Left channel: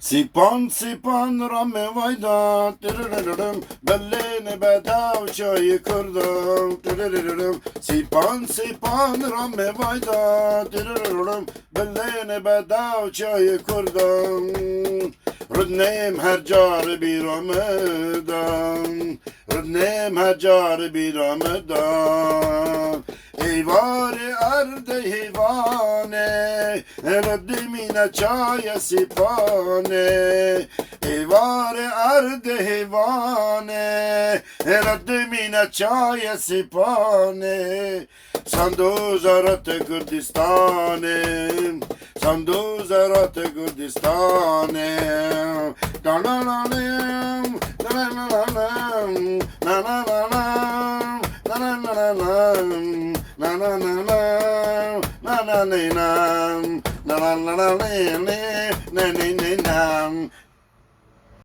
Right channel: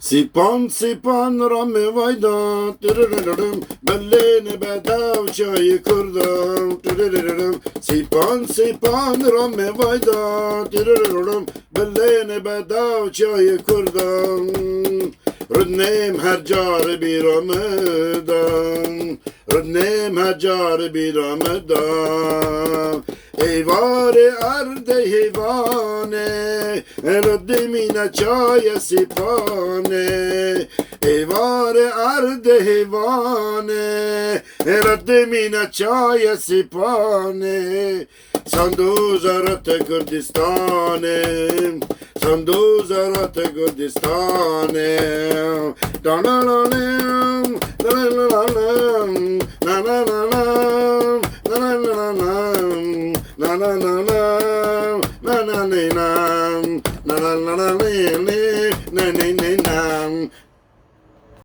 Sipan sipan rame vayda tırırırırım Bellini bedav çayı kırdım tırırırırım Sipan sipan rame vayda tırırırırım Bellini bedav çayı kırdım Rüdnem her car bir Ramadan Rüdnem her car bir Ramadan Eyvare erde heyvane Rüddemine çaya sipane Eyvare erde heyvane Rüddemine çaya sipane Sandu zarate Kurdistane Sandu zarate Kurdistane Danalalam Danalalam Danalalam Danalalam na na na na na na na na na na na na na na na